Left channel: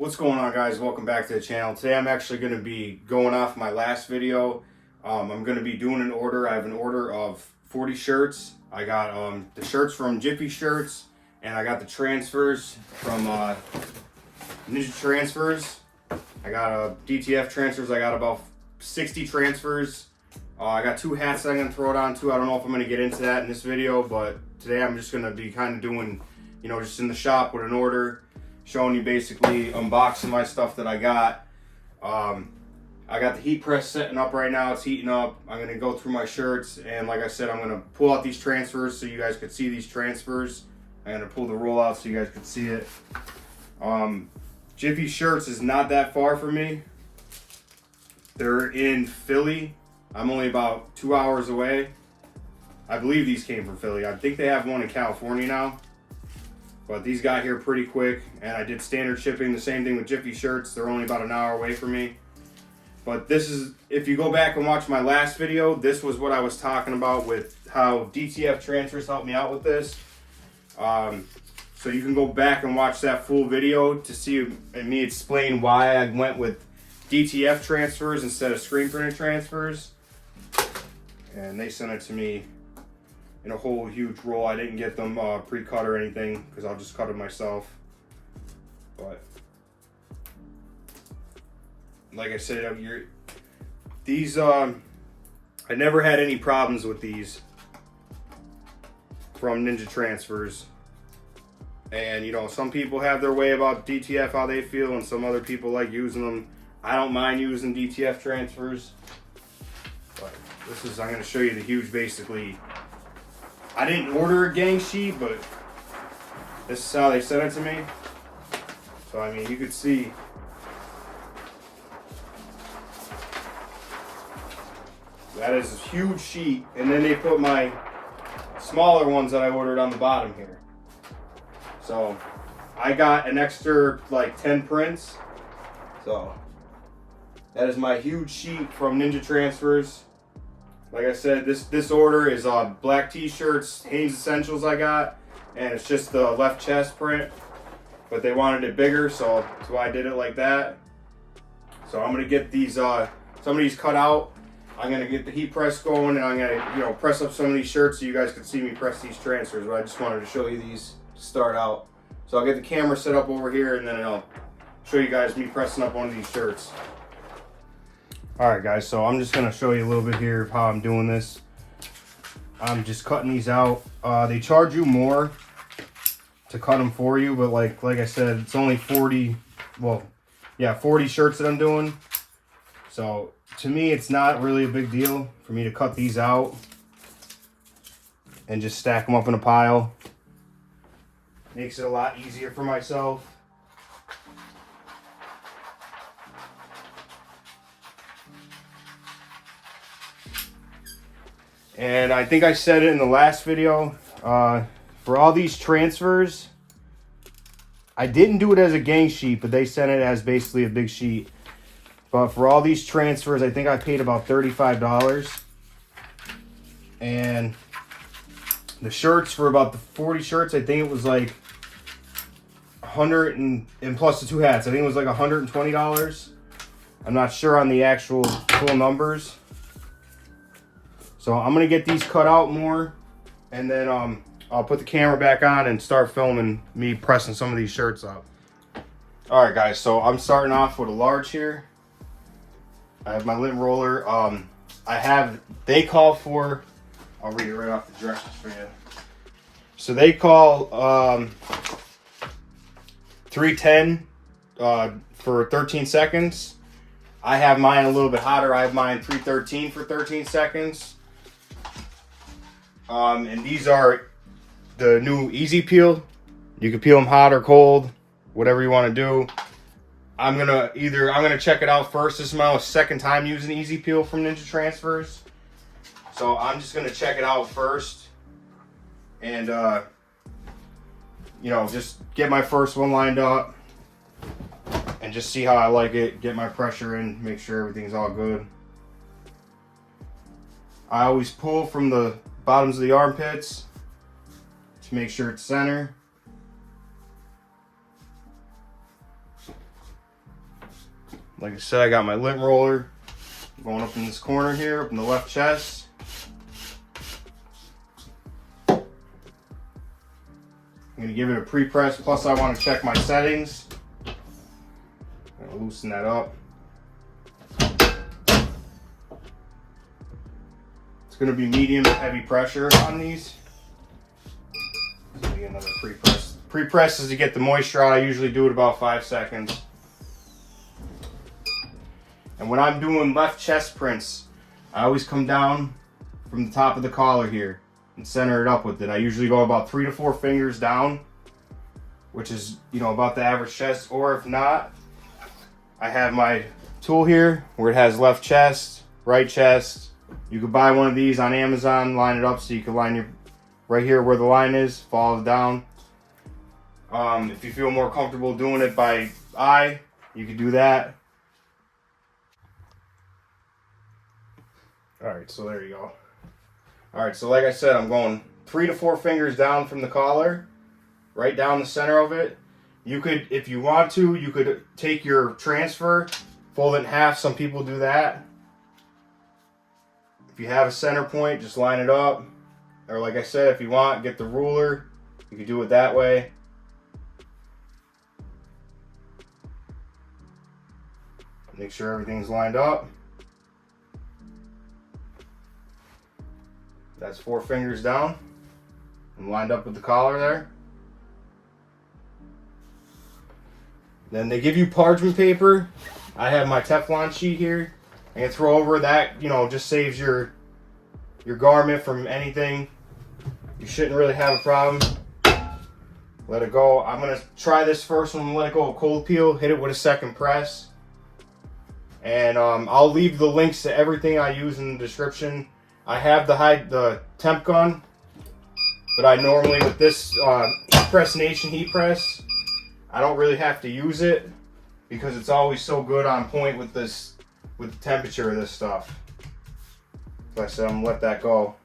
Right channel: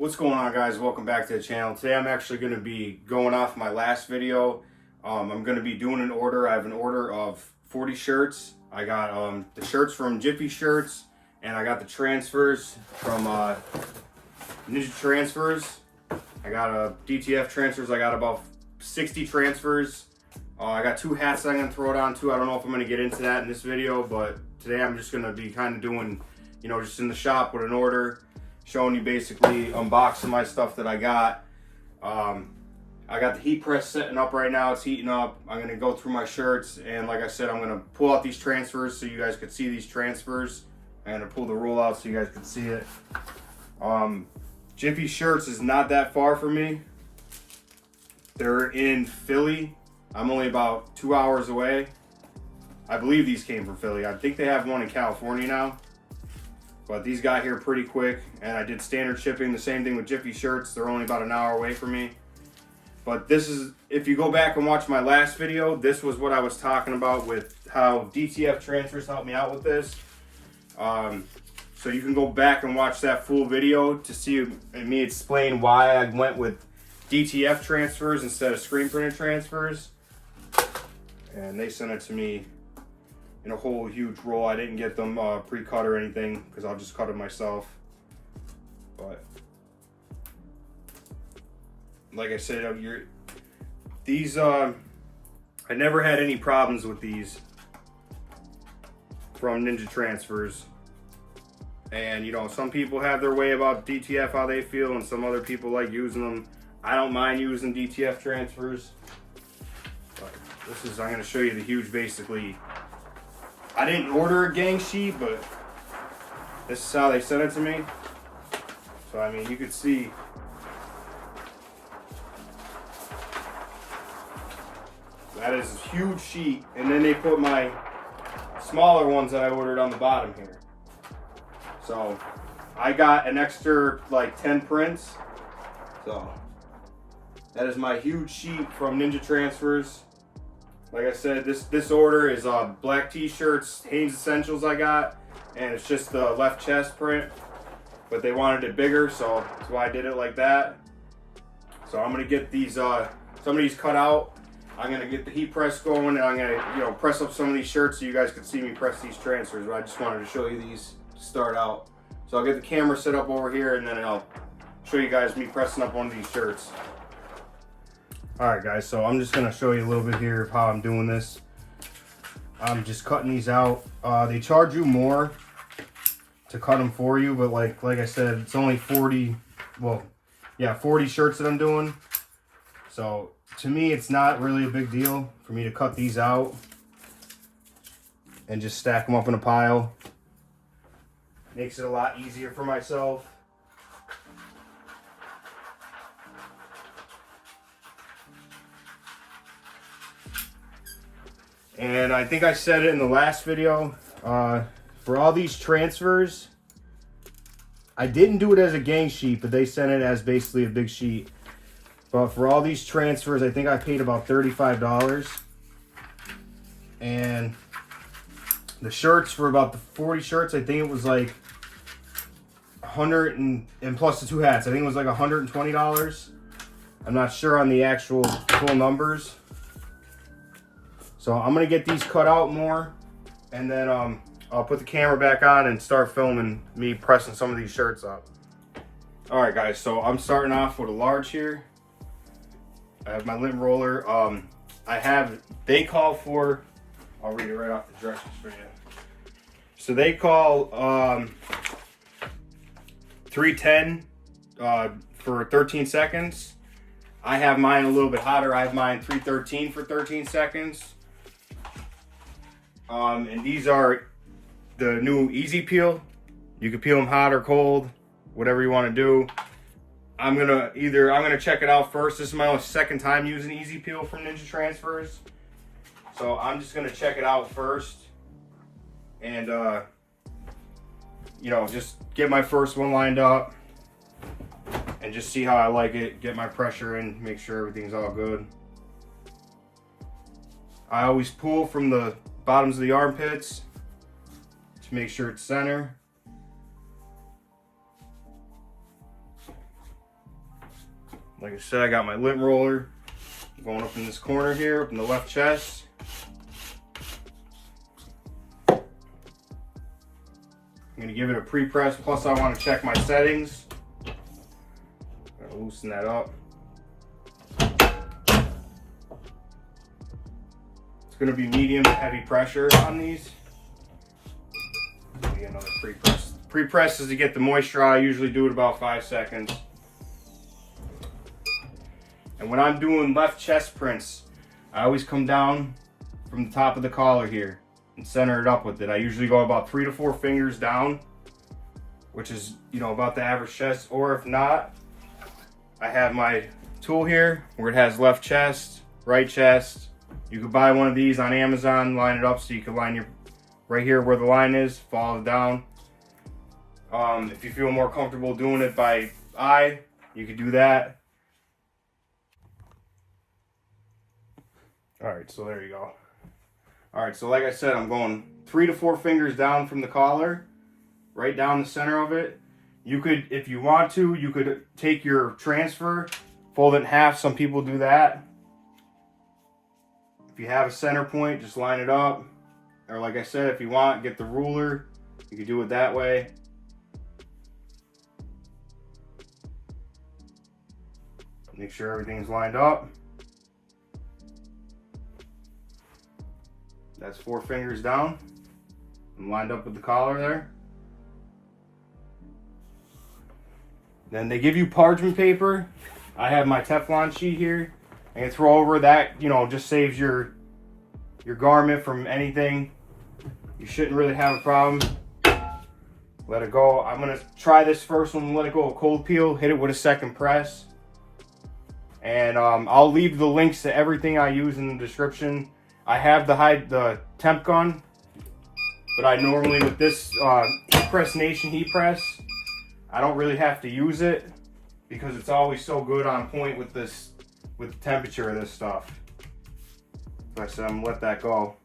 What's going on, guys? Welcome back to the channel. Today I'm actually going to be going off my last video. I'm going to be doing an order. I have an order of 40 shirts. I got the shirts from Jiffy Shirts, and I got the transfers from Ninja Transfers. I got DTF transfers. I got about 60 transfers. I got 2 hats that I'm going to throw it on too. I don't know if I'm going to get into that in this video, but today I'm just going to be kind of doing, just in the shop with an order, showing you basically unboxing my stuff that I got. I got the heat press setting up right now. It's heating up. I'm going to go through my shirts, and like I said, I'm going to pull out these transfers so you guys could see these transfers. I'm going to pull the roll out so you guys could see it. Jiffy Shirts is not that far from me. They're in Philly. I'm only about 2 hours away. I believe these came from Philly. I think they have one in California now. But these got here pretty quick, and I did standard shipping. The same thing with Jiffy Shirts. They're only about an hour away from me. But this is, if you go back and watch my last video, this was what I was talking about with how DTF transfers helped me out with this. So you can go back and watch that full video to see me explain why I went with DTF transfers instead of screen printed transfers. And they sent it to me in a whole huge roll. I didn't get them pre-cut or anything because I'll just cut them myself. But like I said, I never had any problems with these from Ninja Transfers. And some people have their way about DTF, how they feel, and some other people like using them. I don't mind using DTF transfers. But I'm going to show you the huge, basically. I didn't order a gang sheet, but this is how they sent it to me. So, I mean, you could see. That is a huge sheet. And then they put my smaller ones that I ordered on the bottom here. So, I got an extra, 10 prints. So, that is my huge sheet from Ninja Transfers. Like I said, this order is black t-shirts, Hanes Essentials I got, and it's just the left chest print, but they wanted it bigger, so that's why I did it like that. So I'm gonna get these, some of these cut out. I'm gonna get the heat press going, and I'm gonna, press up some of these shirts so you guys can see me press these transfers. But I just wanted to show you these to start out. So I'll get the camera set up over here, and then I'll show you guys me pressing up one of these shirts. Alright guys, so I'm just going to show you a little bit here of how I'm doing this. I'm just cutting these out. They charge you more to cut them for you, but like I said, it's only 40 shirts that I'm doing. So to me, it's not really a big deal for me to cut these out and just stack them up in a pile. Makes it a lot easier for myself. And I think I said it in the last video, for all these transfers, I didn't do it as a gang sheet, but they sent it as basically a big sheet. But for all these transfers, I think I paid about $35. And the shirts, for about the 40 shirts, I think it was like 100 and plus the 2 hats, I think it was like $120. I'm not sure on the actual full numbers. So I'm going to get these cut out more, and then I'll put the camera back on and start filming me pressing some of these shirts up. Alright guys, so I'm starting off with a large here. I have my lint roller. They call for, I'll read it right off the directions for you. So they call 310 for 13 seconds. I have mine a little bit hotter. I have mine 313 for 13 seconds. And these are the new Easy Peel. You can peel them hot or cold, whatever you want to do. I'm gonna check it out first. This is my second time using Easy Peel from Ninja Transfers. So I'm just gonna check it out first. And just get my first one lined up and just see how I like it, get my pressure in, make sure everything's all good. I always pull from the bottoms of the armpits to make sure it's center. Like I said, I got my lint roller going up in this corner here, up in the left chest. I'm gonna give it a pre-press, plus I want to check my settings. I'm gonna loosen that up. It's gonna be medium to heavy pressure on these. Get another pre-press. Pre-press is to get the moisture out. I usually do it about 5 seconds. And when I'm doing left chest prints, I always come down from the top of the collar here and center it up with it. I usually go about 3 to 4 fingers down, which is, you know, about the average chest. Or if not, I have my tool here where it has left chest, right chest. You could buy one of these on Amazon, line it up so you can line your right here where the line is, follow it down. If you feel more comfortable doing it by eye, you could do that. All right, so there you go. All right, so like I said, I'm going 3 to 4 fingers down from the collar, right down the center of it. You could, if you want to, you could take your transfer, fold it in half. Some people do that. If you have a center point, just line it up. Or like I said, if you want, get the ruler. You could do it that way. Make sure everything's lined up. That's 4 fingers down. I'm lined up with the collar there. Then they give you parchment paper. I have my Teflon sheet here. And throw over that, you know, just saves your garment from anything. You shouldn't really have a problem. Let it go. I'm gonna try this first one, let it go a cold peel, hit it with a second press. And I'll leave the links to everything I use in the description. I have the temp gun, but I normally, with this Press Nation heat press, I don't really have to use it because it's always so good on point with this, with the temperature of this stuff. So I said I'm gonna let that go.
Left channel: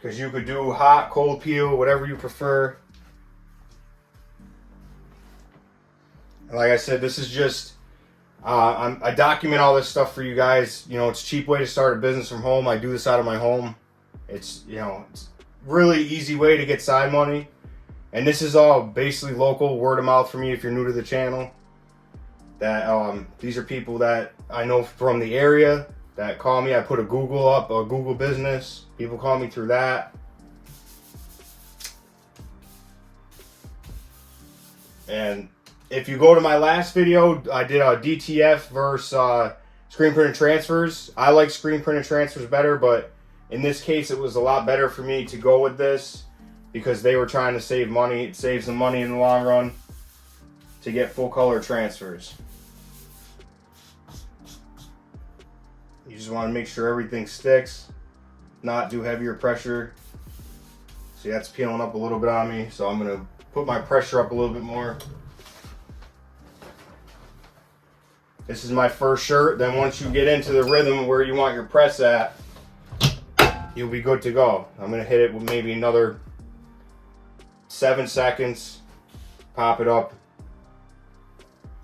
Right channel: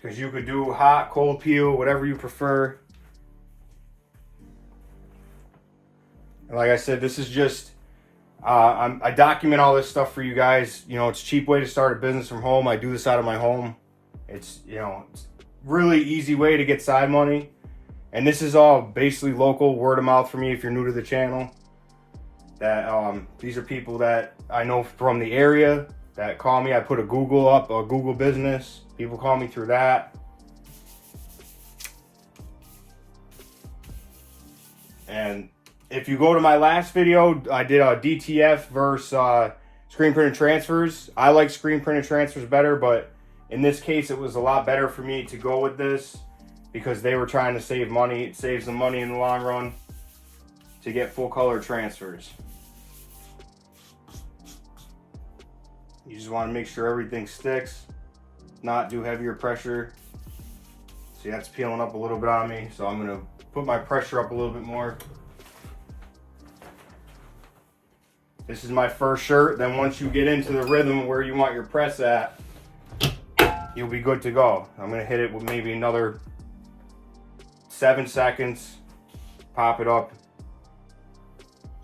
Because you could do hot, cold peel, whatever you prefer. Like I said, this is just, I document all this stuff for you guys. You know, it's a cheap way to start a business from home. I do this out of my home. It's, you know, it's really easy way to get side money. And this is all basically local, word of mouth for me if you're new to the channel. That these are people that I know from the area that call me. I put a Google up, a Google business. People call me through that. And if you go to my last video, I did a DTF versus screen printed transfers. I like screen printed transfers better, but in this case, it was a lot better for me to go with this because they were trying to save money. It saves them money in the long run to get full color transfers. You just want to make sure everything sticks, not do heavier pressure. See, that's peeling up a little bit on me, so I'm going to put my pressure up a little bit more. This is my first shirt. Then once you get into the rhythm where you want your press at, you'll be good to go. I'm going to hit it with maybe another 7 seconds, pop it up,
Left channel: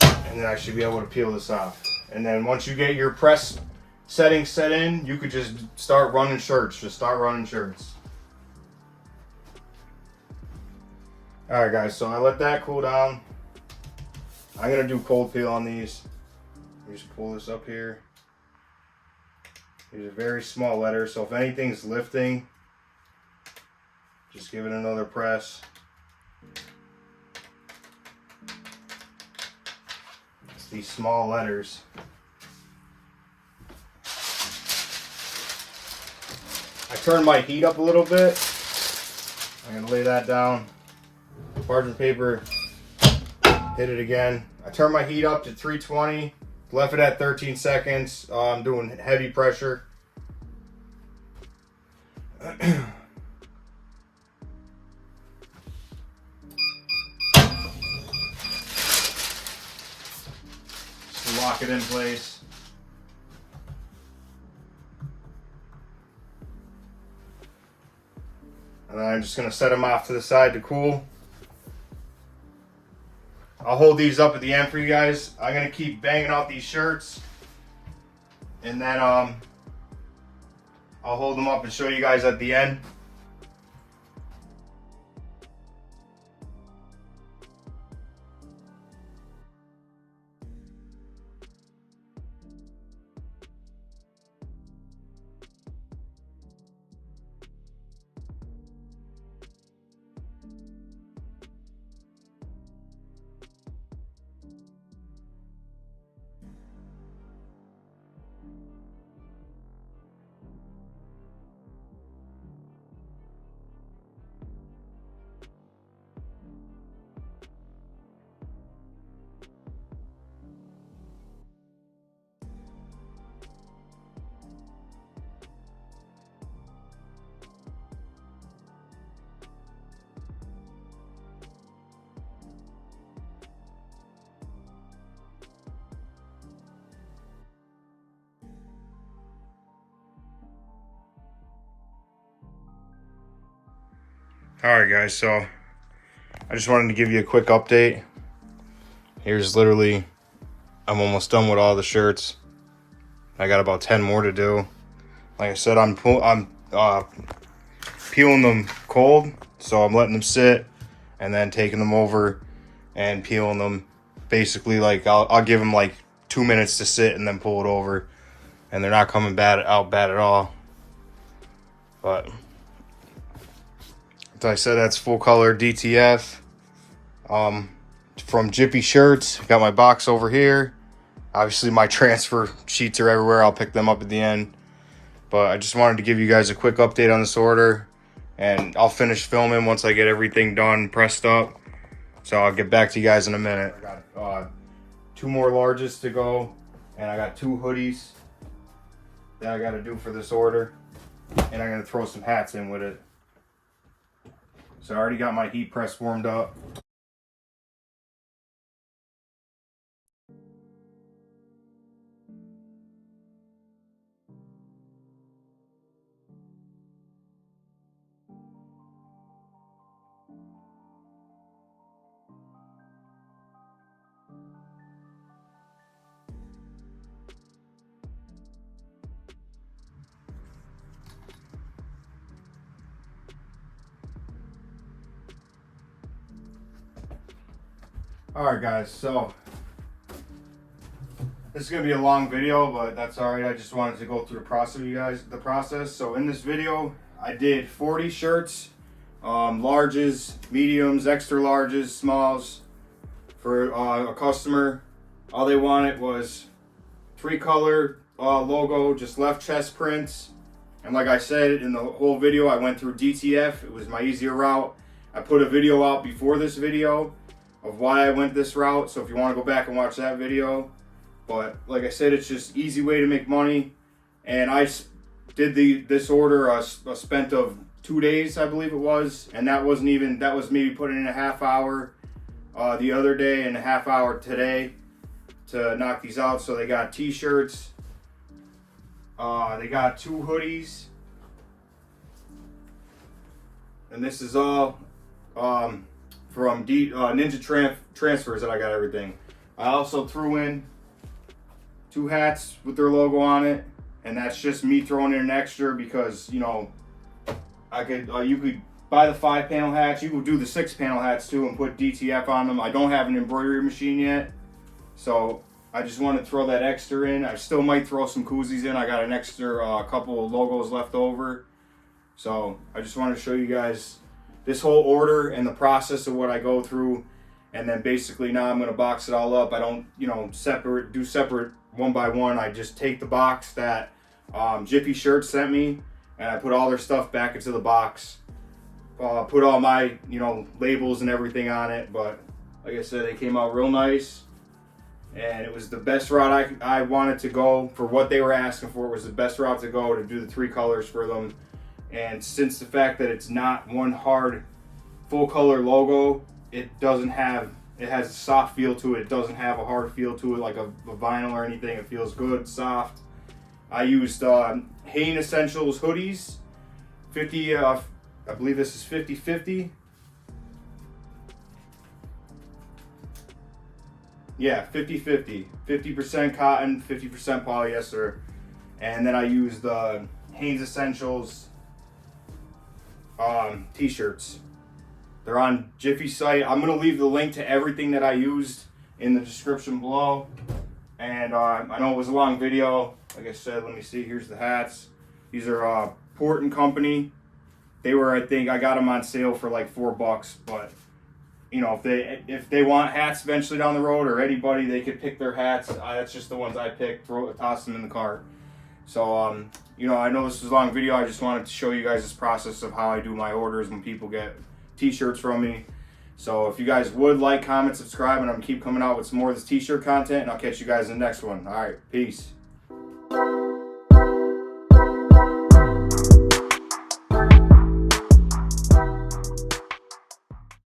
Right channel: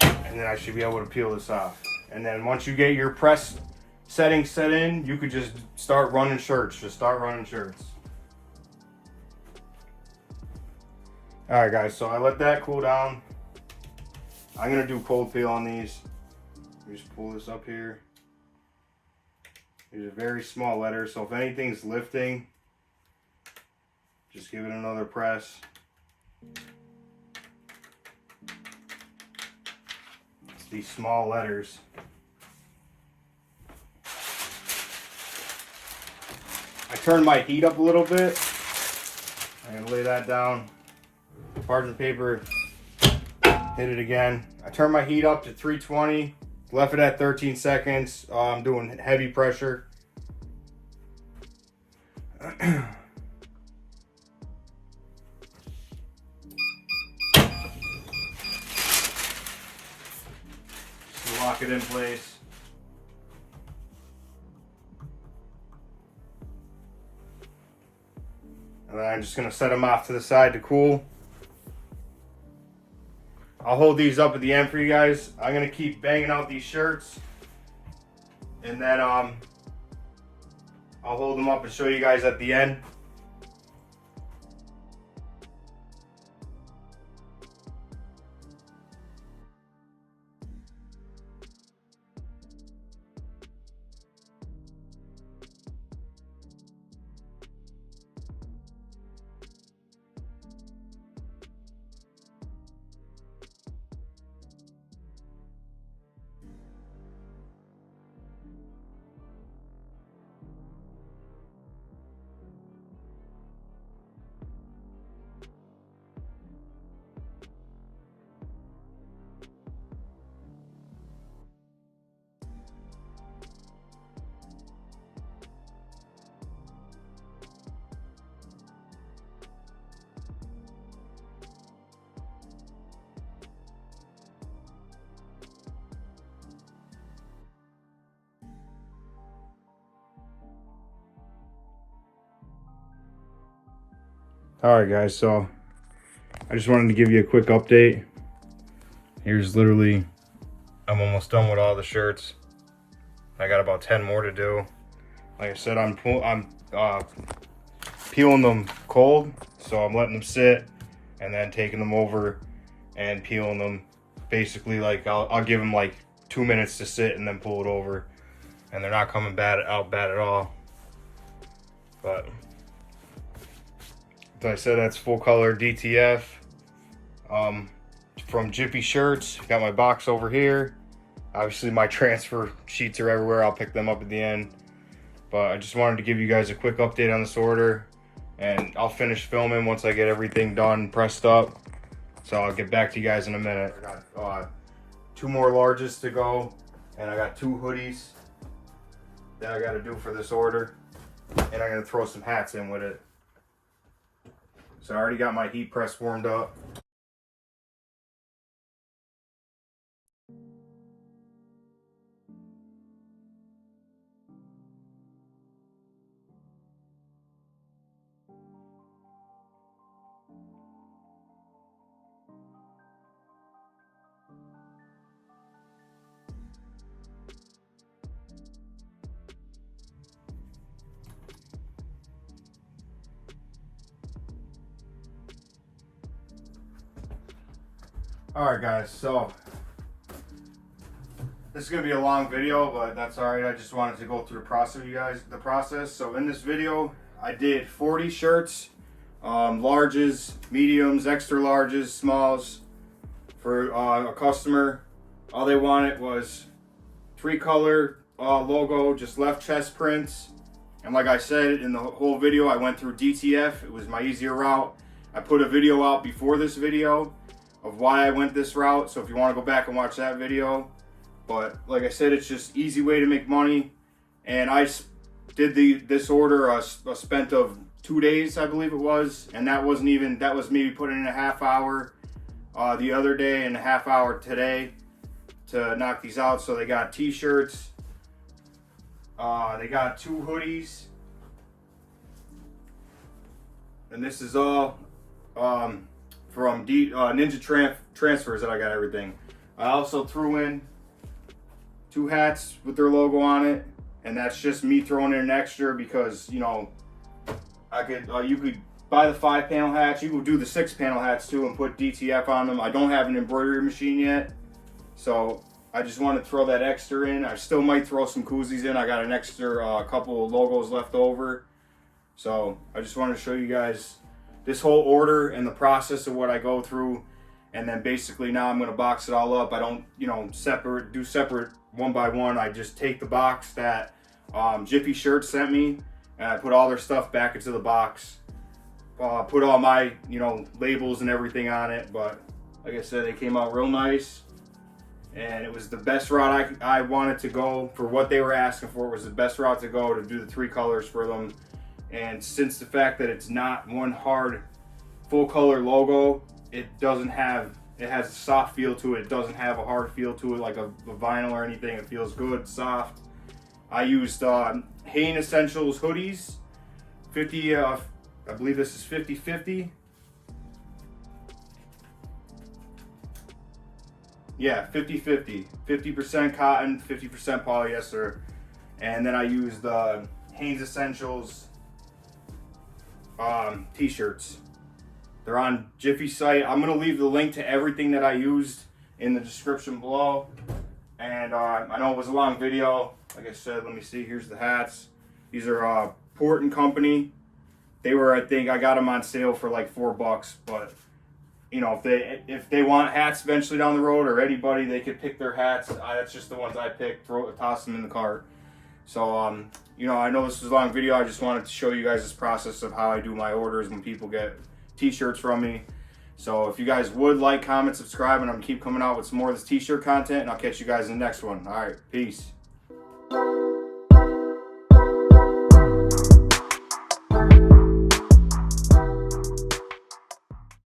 and then I should be able to peel this off. And then once you get your press settings set in, you could just start running shirts. Just start running shirts. Alright guys, so I let that cool down. I'm going to do cold peel on these. Let me just pull this up here. These are very small letters, so if anything's lifting, just give it another press. It's these small letters. I turned my heat up a little bit. I'm going to lay that down. Parchment paper, hit it again. I turned my heat up to 320, left it at 13 seconds. I'm doing heavy pressure. Just lock it in place. And then I'm just going to set them off to the side to cool. I'll hold these up at the end for you guys. I'm gonna keep banging out these shirts, and then I'll hold them up and show you guys at the end. Alright guys, so I just wanted to give you a quick update. Here's literally, I'm almost done with all the shirts. I got about 10 more to do. Like I said, I'm peeling them cold, so I'm letting them sit and then taking them over and peeling them. Basically, like I'll give them like 2 minutes to sit and then pull it over, and they're not coming out bad at all. But as I said, that's full color DTF from Jiffy Shirts. Got my box over here. Obviously my transfer sheets are everywhere. I'll pick them up at the end, but I just wanted to give you guys a quick update on this order, and I'll finish filming once I get everything done, pressed up. So I'll get back to you guys in a minute. I got 2 more larges to go, and I got 2 hoodies that I got to do for this order, and I'm gonna throw some hats in with it. So I already got my heat press warmed up. Alright guys, so this is going to be a long video, but that's alright. I just wanted to go through the process. So in this video, I did 40 shirts, larges, mediums, extra larges, smalls, for a customer. All they wanted was 3-color logo, just left chest prints. And like I said in the whole video, I went through DTF. It was my easier route. I put a video out before this video of why I went this route, so if you want to go back and watch that video. But like I said, it's just easy way to make money. And I did this order a spent of 2 days, I believe it was, and that was maybe putting in a half hour the other day and a half hour today to knock these out. So they got t-shirts, they got 2 hoodies, and this is all from Ninja Transfers that I got everything. I also threw in 2 hats with their logo on it, and that's just me throwing in an extra because, you know, I could you could buy the 5-panel hats. You could do the 6-panel hats too and put DTF on them. I don't have an embroidery machine yet, so I just want to throw that extra in. I still might throw some koozies in. I got an extra couple of logos left over, so I just wanted to show you guys this whole order and the process of what I go through. And then basically now I'm going to box it all up. I don't, you know, do separate one by one. I just take the box that Jiffy Shirts sent me, and I put all their stuff back into the box. Put all my, you know, labels and everything on it. But like I said, they came out real nice, and it was the best route I wanted to go for what they were asking for. It was the best route to go to do the 3 colors for them. And since the fact that it's not one hard full color logo, it has a soft feel to it. It doesn't have a hard feel to it like a vinyl or anything. It feels good, soft. I used Hain Essentials hoodies, 50, I believe this is 50/50. Yeah, 50-50. 50% cotton, 50% polyester. And then I use the Hanes Essentials t-shirts. They're on Jiffy site. I'm going to leave the link to everything that I used in the description below. And I know it was a long video. Like I said, let me see. Here's the hats. These are Port and Company. They were, I think, I got them on sale for like $4. But you know, if they want hats eventually down the road, or anybody, they could pick their hats. That's just the ones I picked. Toss them in the cart. So you know, I know this was a long video. I just wanted to show you guys this process of how I do my orders when people get t-shirts from me. So if you guys would like, comment, subscribe, and I'm keep coming out with some more of this t-shirt content, and I'll catch you guys in the next one. All right, peace.